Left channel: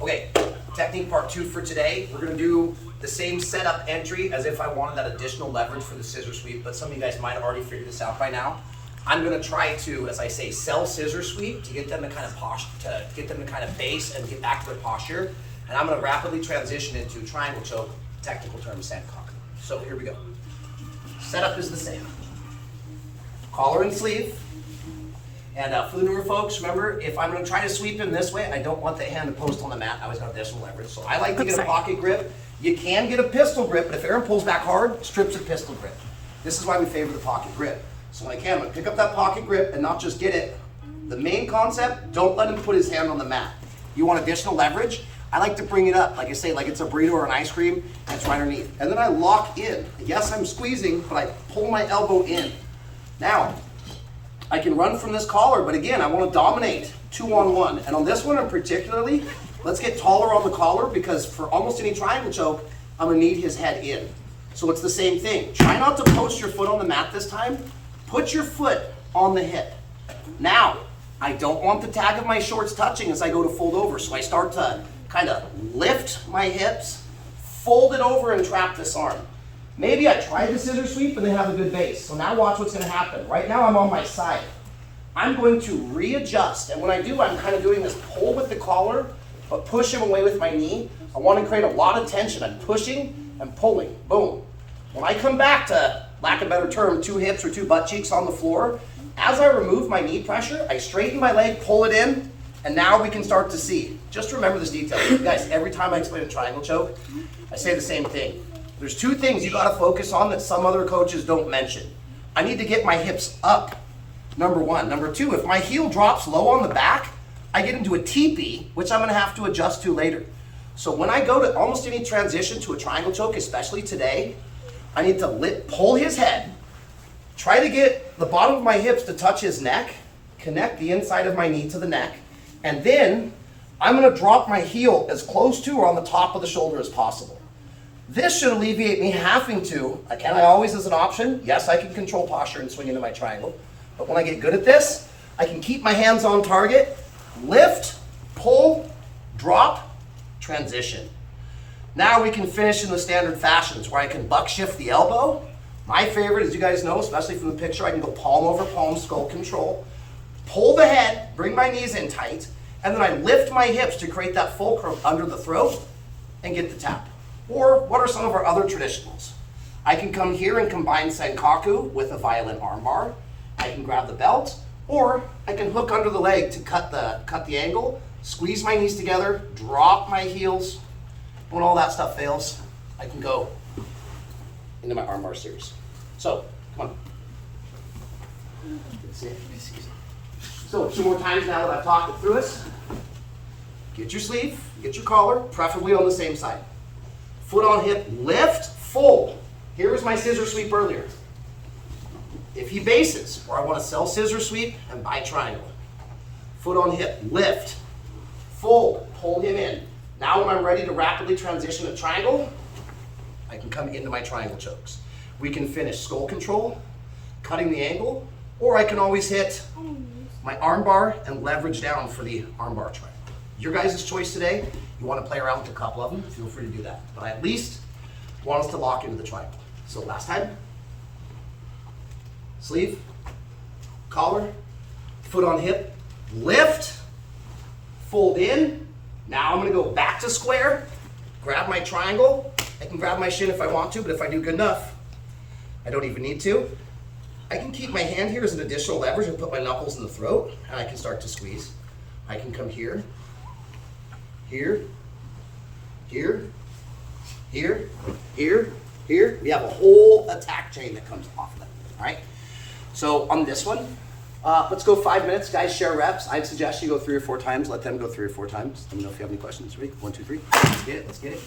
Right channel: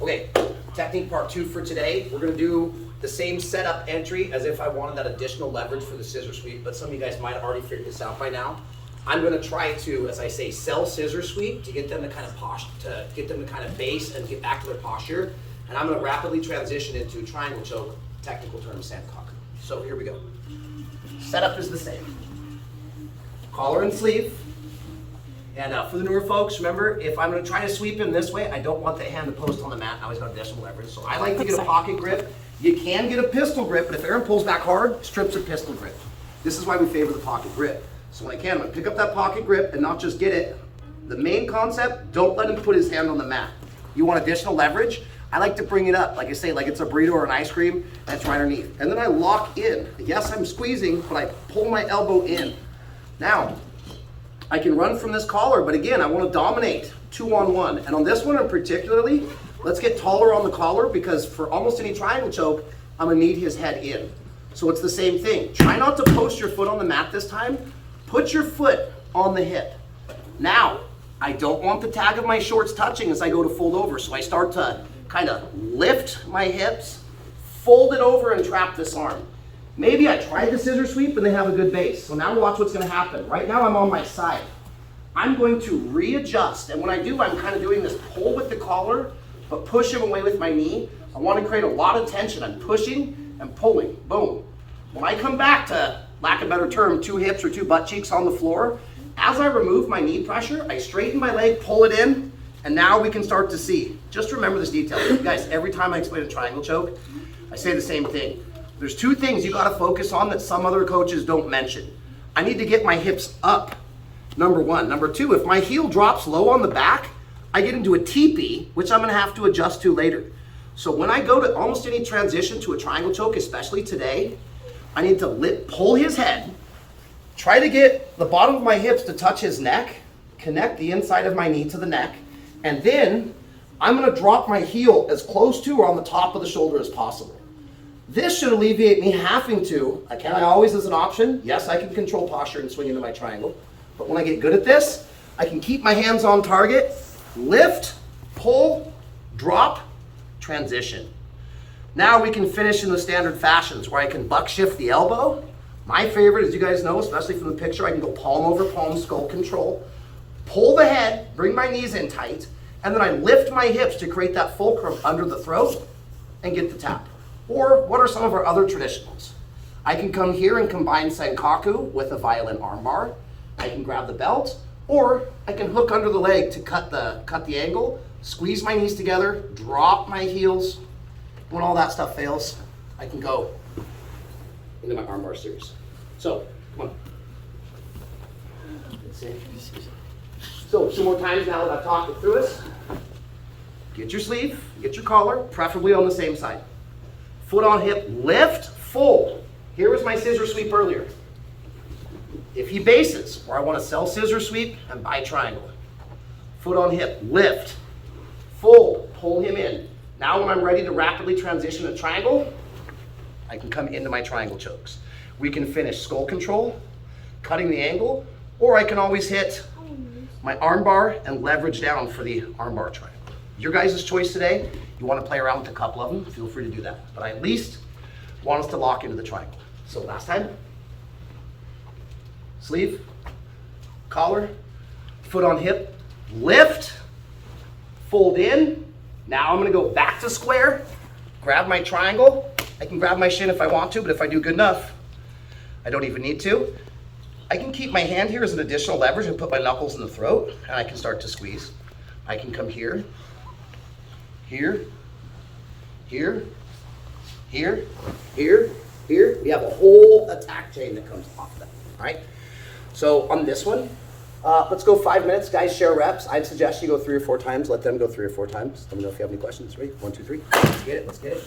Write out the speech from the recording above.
Okay, technique part 2 for today. We're gonna do the same setup entry as if I wanted that additional leverage for the scissor sweep, but some of you guys might have already figured this out by now. I'm gonna try to, as I say, sell scissor sweep to get them to kind of base and get back to their posture. And I'm gonna rapidly transition into triangle choke, technical term sandcock. So here we go. Setup is the same. Collar and sleeve. And for the newer folks, remember, if I'm gonna try to sweep him this way, I don't want the hand to post on the mat. I always got additional leverage. So I like to get a pocket grip. You can get a pistol grip, but if Aaron pulls back hard, strips a pistol grip. This is why we favor the pocket grip. So when I can, I'm gonna pick up that pocket grip and not just get it. The main concept, don't let him put his hand on the mat. You want additional leverage? I like to bring it up, like I say, like it's a burrito or an ice cream, and it's right underneath. And then I lock in. Yes, I'm squeezing, but I pull my elbow in. Now, I can run from this collar, but again, I want to dominate 2-on-1. And on this one in particularly, let's get taller on the collar because for almost any triangle choke, I'm gonna need his head in. So it's the same thing. Try not to post your foot on the mat this time. Put your foot on the hip. Now, I don't want the tag of my shorts touching as I go to fold over. So I start to kind of lift my hips, fold it over and trap this arm. Maybe I tried the scissor sweep and they have a good base. So now watch what's gonna happen. Right now I'm on my side. I'm going to readjust. And when I do, I'm kind of doing this pull with the collar, but push him away with my knee. I want to create a lot of tension. I'm pushing and pulling, boom. When I come back to, lack of a better term, 2 hips or 2 butt cheeks on the floor, as I remove my knee pressure, I straighten my leg, pull it in, and now we can start to see. Just remember this detail. You guys, every time I explain a triangle choke, I say the same thing. There's 2 things you gotta focus on that some other coaches don't mention. I need to get my hips up, number 1. Number 2, if my heel drops low on the back, I get into a teepee, which I'm gonna have to adjust to later. So when I go to almost any transition to a triangle choke, especially today, I need to pull his head, try to get the bottom of my hips to touch his neck, connect the inside of my knee to the neck, and then I'm gonna drop my heel as close to or on the top of the shoulder as possible. This should alleviate me having to, can I always as an option? Yes, I can control posture and swing into my triangle. But when I get good at this, I can keep my hands on target, lift, pull, drop, transition. Now we can finish in the standard fashions where I can buck shift the elbow. My favorite, as you guys know, especially from the picture, I can go palm over palm, skull control, pull the head, bring my knees in tight, and then I lift my hips to create that fulcrum under the throat and get the tap. Or what are some of our other traditionals? I can come here and combine Senkaku with a violin armbar. I can grab the belt, or I can hook under the leg to cut the angle, squeeze my knees together, drop my heels. When all that stuff fails, I can go into my armbar series. So, come on. So 2 more times now that I've talked it through us. Get your sleeve, get your collar, preferably on the same side. Foot on hip, lift, fold. Here was my scissor sweep earlier. If he bases, or I want to sell scissor sweep and buy triangle. Foot on hip, lift, fold, pull him in. Now when I'm ready to rapidly transition to triangle, I can come into my triangle chokes. We can finish skull control, cutting the angle, or I can always hit my arm bar and leverage down for the arm bar triangle. Your guys' choice today. You want to play around with a couple of them, feel free to do that. But I at least want us to lock into the triangle. So last time, sleeve, collar, foot on hip, lift, fold in. Now I'm gonna go back to square, grab my triangle. I can grab my shin if I want to, but if I do good enough, I don't even need to. I can keep my hand here as an additional leverage and put my knuckles in the throat, and I can start to squeeze. I can come here, here, here, here, here, here. We have a whole attack chain that comes off of that, all right? So on this one, let's go 5 minutes. Guys, share reps. I'd suggest you go 3 or 4 times. Let them go 3 or 4 times. Let me know if you have any questions. Ready? 1, 2, 3. Let's get it. Let's get it.